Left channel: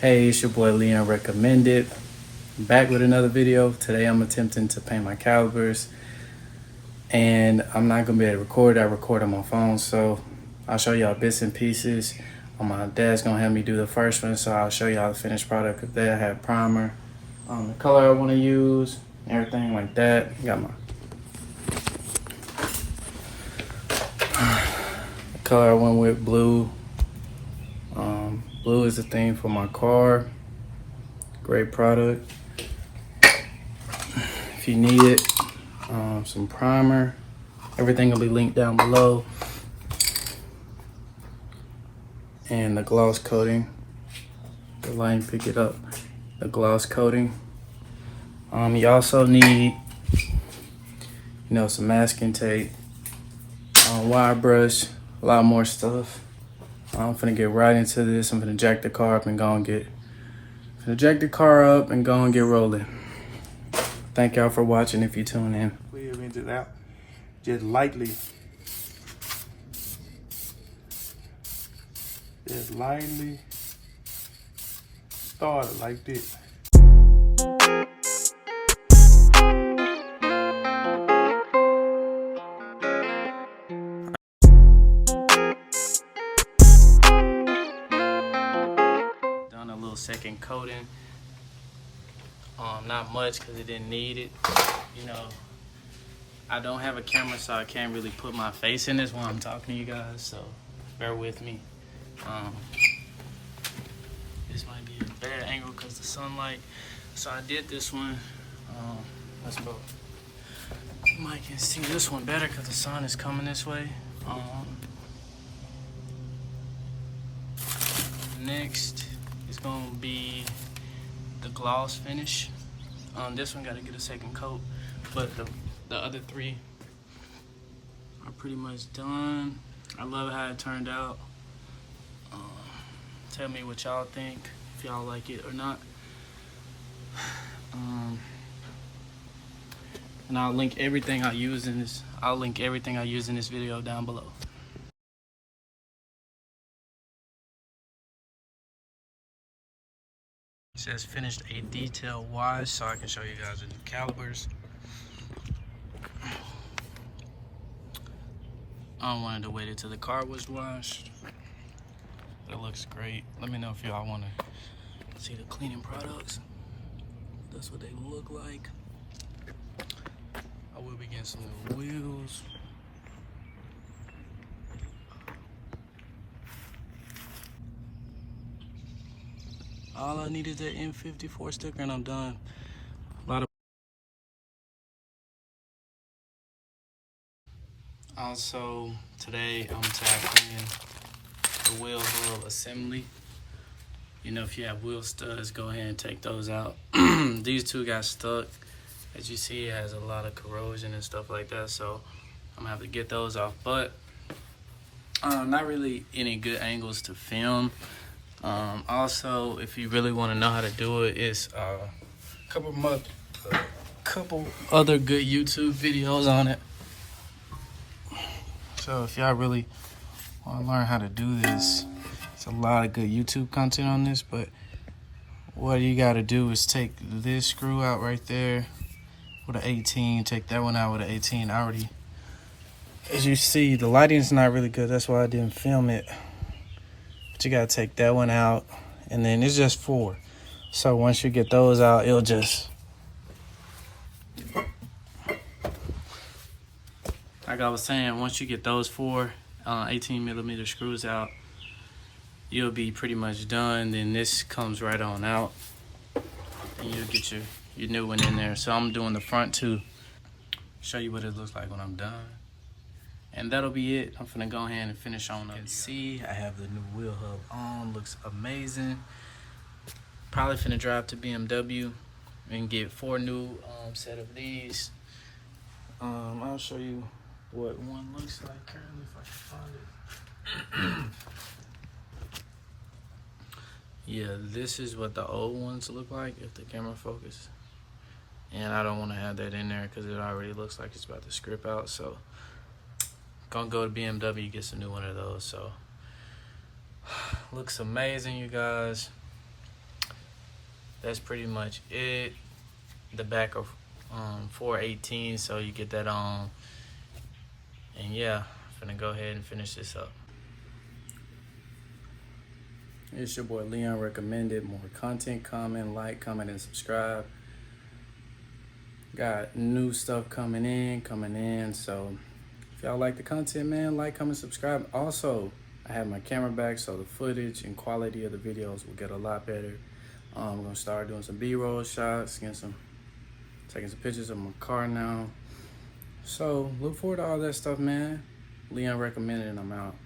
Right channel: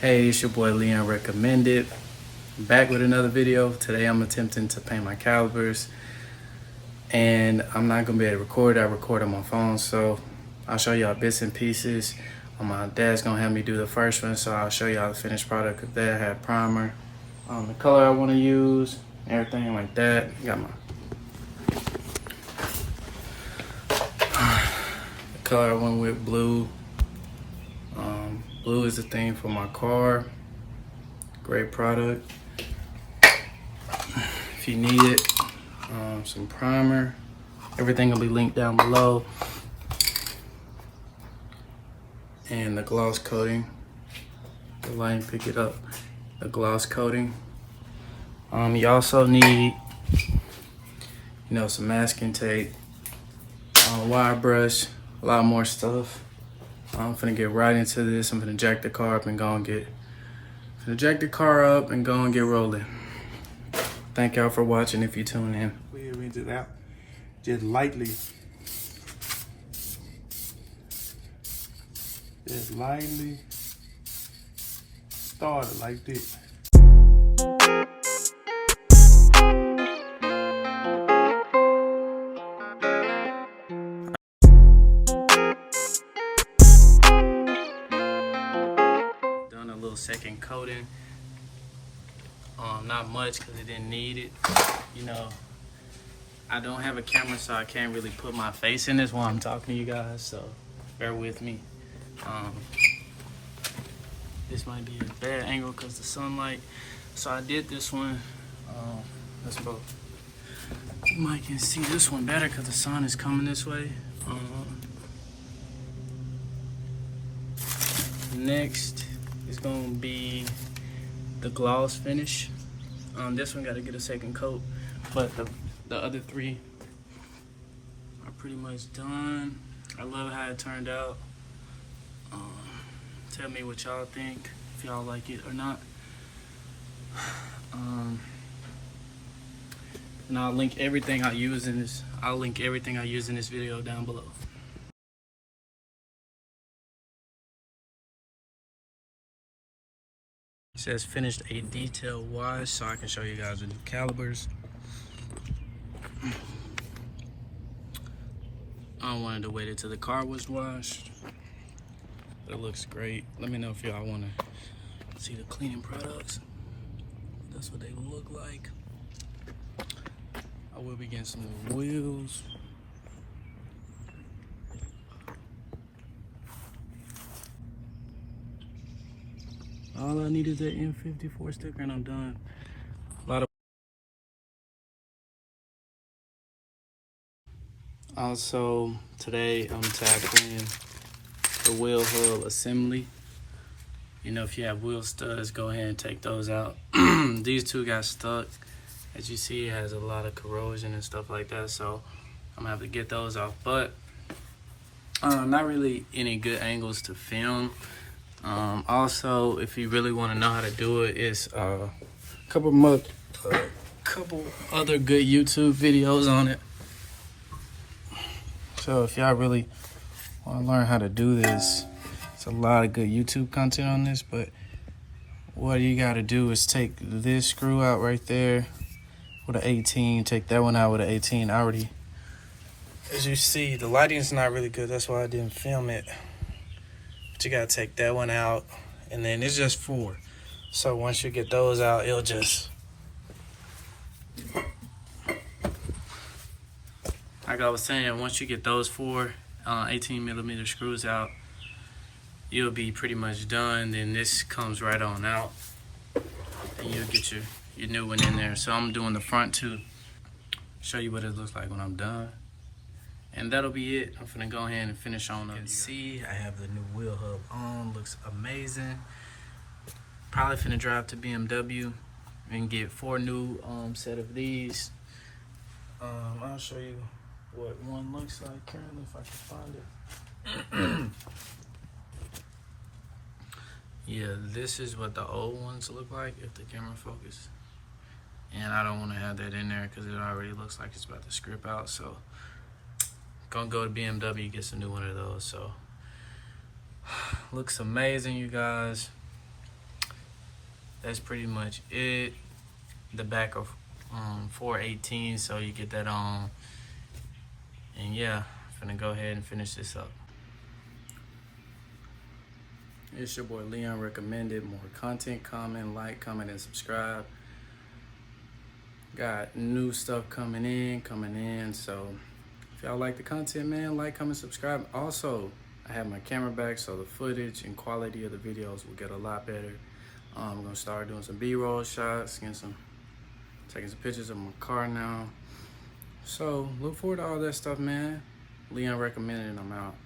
Hey, it's your boy Leon Recommended. Back with another video. Today I'm attempting to paint my calipers, and I'm not gonna be able to record. I record on my phone, so I'll show y'all bits and pieces. My dad's gonna have me do the first one, so I'll show y'all the finished product of that. I have primer, the color I want to use, everything like that. Got my the color I went with, blue. Blue is the theme for my car. Great product. If you need it, some primer. Everything will be linked down below. And the gloss coating. The line pick it up. The gloss coating. You also need, some masking tape, wire brush, a lot more stuff. I'm finna get right into this. I'm finna jack the car up and go and get rolling. Thank y'all for watching if you tune in. We'll rinse it out just lightly. Just lightly start it like this. Done a little second coating. Not much because it didn't need it. I don't have a camera, so I can't really put my face in this while I'm talking to you guys, so bear with me. This might be a bad angle because the sunlight. So I did this one. Let's go. You might can see this one better because the sun is coming this way. Next is gonna be the gloss finish. This one got to get a second coat, but the other three are pretty much done. I love how it turned out. Tell me what y'all think, if y'all like it or not. And I'll link everything I use in this. I'll link everything I use in this video down below. It says finished a detail wash, so I can show you guys the new calipers. I wanted to wait until the car was washed. It looks great. Let me know if y'all want to see the cleaning products. That's what they look like. I will be getting some new wheels. All I need is that N54 sticker and I'm done. Also, today I'm tackling the wheel hub assembly. If you have wheel studs, go ahead and take those out. These two got stuck. As you see, it has a lot of corrosion and stuff like that, so I'm gonna have to get those off. But not really any good angles to film. Also, if you really want to know how to do it, it's a couple other good YouTube videos on it. So if y'all really want to learn how to do this, it's a lot of good YouTube content on this. But what you got to do is take this screw out right there with an 18, take that one out with an 18. As you see, the lighting's not really good, that's why I didn't film it. But you gotta take that one out, and then it's just 4. So once you get those out, it'll just, like I was saying, once you get those 4 18mm screws out, you'll be pretty much done. Then this comes right on out, and you'll get your new one in there. So I'm doing the front too. Show you what it looks like when I'm done. And that'll be it. I'm finna go ahead and finish on up. You can see I have the new wheel hub on. Looks amazing. Probably finna drive to Bmw and get 4 new set of these. I'll show you what one looks like currently if I can find it. Yeah, this is what the old ones look like if the camera focuses. And I don't want to have that in there because it already looks like it's about to script out. So gonna go to BMW, get some new one of those. So looks amazing, you guys. that's pretty much it. The back of 418, so you get that on. And yeah, I'm gonna go ahead and finish this up. It's your boy Leon recommended. More content, comment, and subscribe. Got new stuff coming in. So if y'all like the content, man, like, comment, subscribe. Also, I have my camera back, so the footage and quality of the videos will get a lot better. I'm gonna start doing some B-roll shots, taking some pictures of my car now. So look forward to all that stuff, man. Leon recommended, and I'm out.